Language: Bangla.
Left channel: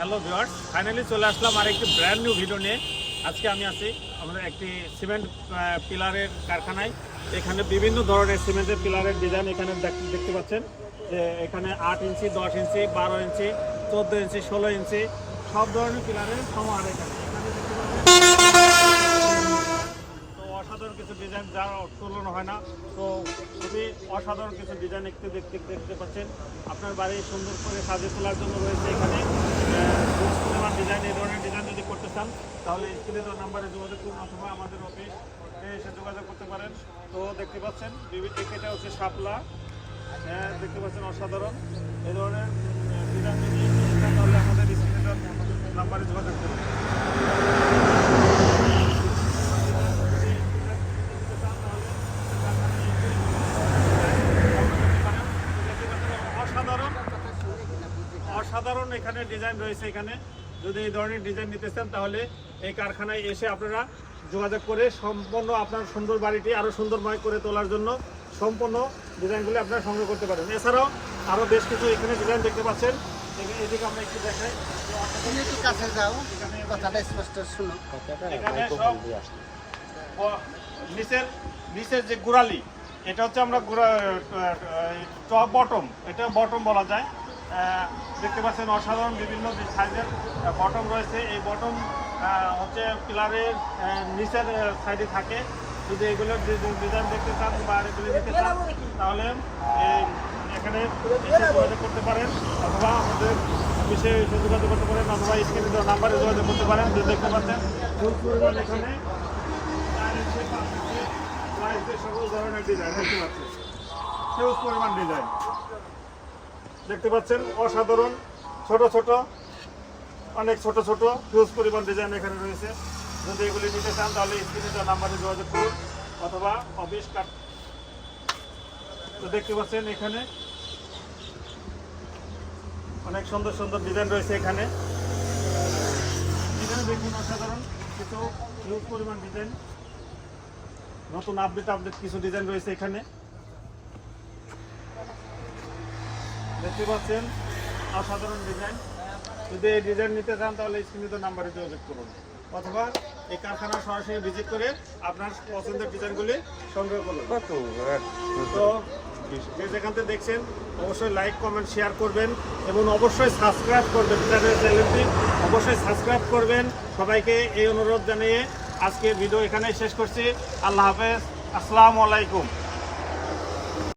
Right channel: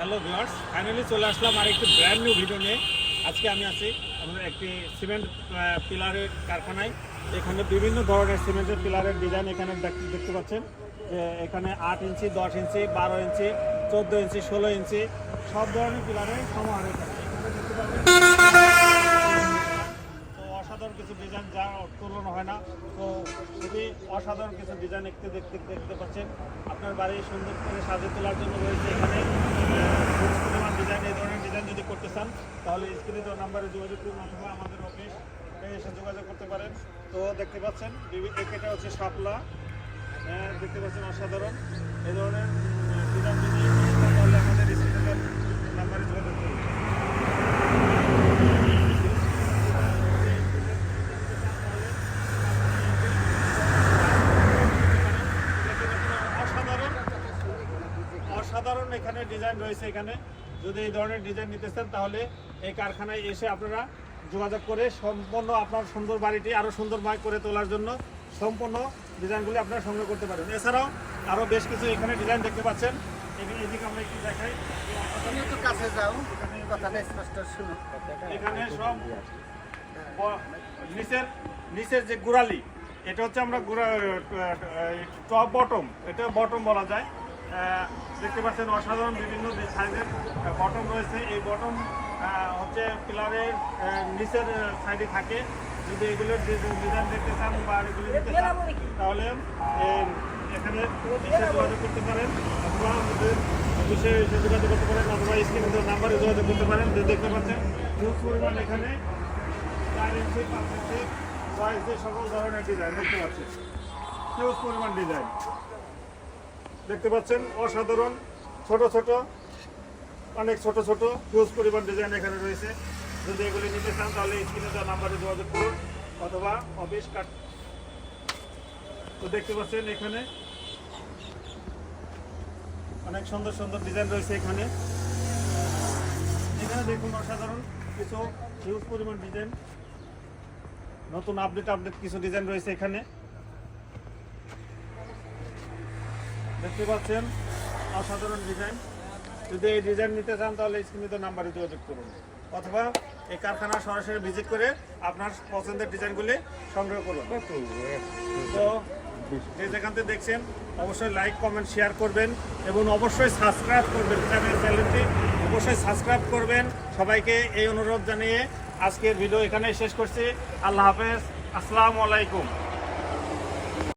হ্যালো ভিউয়ার্স, ফাইনালি চলে আসলাম আর একটি ব্র্যান্ড নিউ ভিডিও নিয়ে। আজকে আমি আছি আমাদের একটি সিমেন্ট পিলারের কারখানায়। এখানে বিভিন্ন ধরনের সিমেন্টের পিলারের ডিজাইন এখানে দেখতে পাচ্ছেন যে এখানে 8 ইঞ্চি, 10 ইঞ্চি, 12 ইঞ্চি, 14 ইঞ্চি, 16 ইঞ্চি সব ধরনের পিলারের সমাহার এখানে দেখতে পাচ্ছেন। তো অসাধারণ কিছু ডিজাইন যা তুলনা হয় না, তো খুবই অসাধারণ কিছু ডিজাইন দেখতে পাচ্ছেন। আপনার বাড়ি সুন্দর করে সাজিয়ে তোলার জন্য রয়েছে এখানে হিউজ পরিমাণ ডিজাইন। এই ধরনের ডিজাইন যদি করতে চান তাহলে স্ক্রিনে দেওয়া নাম্বারে যোগাযোগ করুন অথবা আমাদের অফিস এসে যোগাযোগ করতে পারেন। তো দেখতে পাচ্ছেন এটা হচ্ছে শাপলা, দেখতে পাচ্ছেন অসাধারণ। এই ধরনের ডিজাইন যদি তাহলে আমাদের স্ক্রিনে দেওয়া নাম্বারে যোগাযোগ করুন। অসাধারণ এখানে ডিজাইন রয়েছে। এখানে যদি এই ধরনের ডিজাইন নিতে চান তাহলে এই কারখানায় এসে আপনারা যোগাযোগ করে সম্পূর্ণ আপনার সুন্দর বাড়িটি আরও সুন্দরময় করে তোলার জন্য সম্পূর্ণ ডিজাইনগুলি আপনারা সংগ্রহ করতে পারেন। এছাড়াও আরও বেশ কিছু এখানে ডিজাইন দেখতে পাচ্ছেন। এদিকে আমরা একটু দেখাই, এখানে সব নিচের যে গোড়ালি, এটা হচ্ছে আমরা টপ বটম, এটা বটম বলা যায়। দেখতে পাচ্ছেন অসাধারণ বিভিন্ন সাইজের বটম রয়েছে। এই বটম হচ্ছে পিলারের নিচের সাইডে থাকে। যদি এগুলো ডিজাইন দেখতে চান বা এগুলো নিতে চান তাহলে এখানে এসে যোগাযোগ করতে পারেন অথবা আমাদের অফিসে এসে যোগাযোগ করতে পারেন অথবা স্ক্রিনে দেওয়া নাম্বারে যোগাযোগ করতে পারেন। দেখতে পাচ্ছেন হিউজ পরিমাণ এখানে 4 ইঞ্চি, 5 ইঞ্চি সাইজের সকল ধরনের ডিজাইন দেখতে পাচ্ছেন। হিউজ পরিমাণ ডিজাইন দেখতে পাচ্ছেন অসাধারণ। ছোট ছোট, অনেক ছোট ছোট হিউজ পরিমাণ ডিজাইন এখানে রয়েছে। যদি এগুলি নিতে চান তাহলে স্ক্রিনে দেওয়া নাম্বারে যোগাযোগ করুন অথবা অফিস কাট। তো দেখতে পাচ্ছেন এখানে অনেক সুন্দর সুন্দর ডিজাইন রয়েছে। এখানে দেখুন অসাধারণ কিছু হিউজ পরিমাণ ডিজাইন, নতুন আপডেট কিছু ডিজাইন রয়েছে এখানে দেখতে পাচ্ছেন অসাধারণ ডিজাইন। যদি এই ডিজাইন নিতে চান তাহলে স্ক্রিনে নাম্বারে যোগাযোগ করুন অথবা এই কারখানা সরাসরি ভিজিট করে আপনার পছন্দের ডিজাইনগুলি সংগ্রহ করুন। তো যেখান থেকে দেখছেন অবশ্যই লাইক, কমেন্ট, শেয়ার করবেন এবং অবশ্যই সাবস্ক্রাইব করবেন। চ্যানেলটি অবশ্যই সাবস্ক্রাইব করবেন। সবাইকে এই অনুরোধ জানিয়ে আজকের ভিডিও এখানেই শেষ করছি। আল্লাহ হাফেজ, আসসালামু আলাইকুম।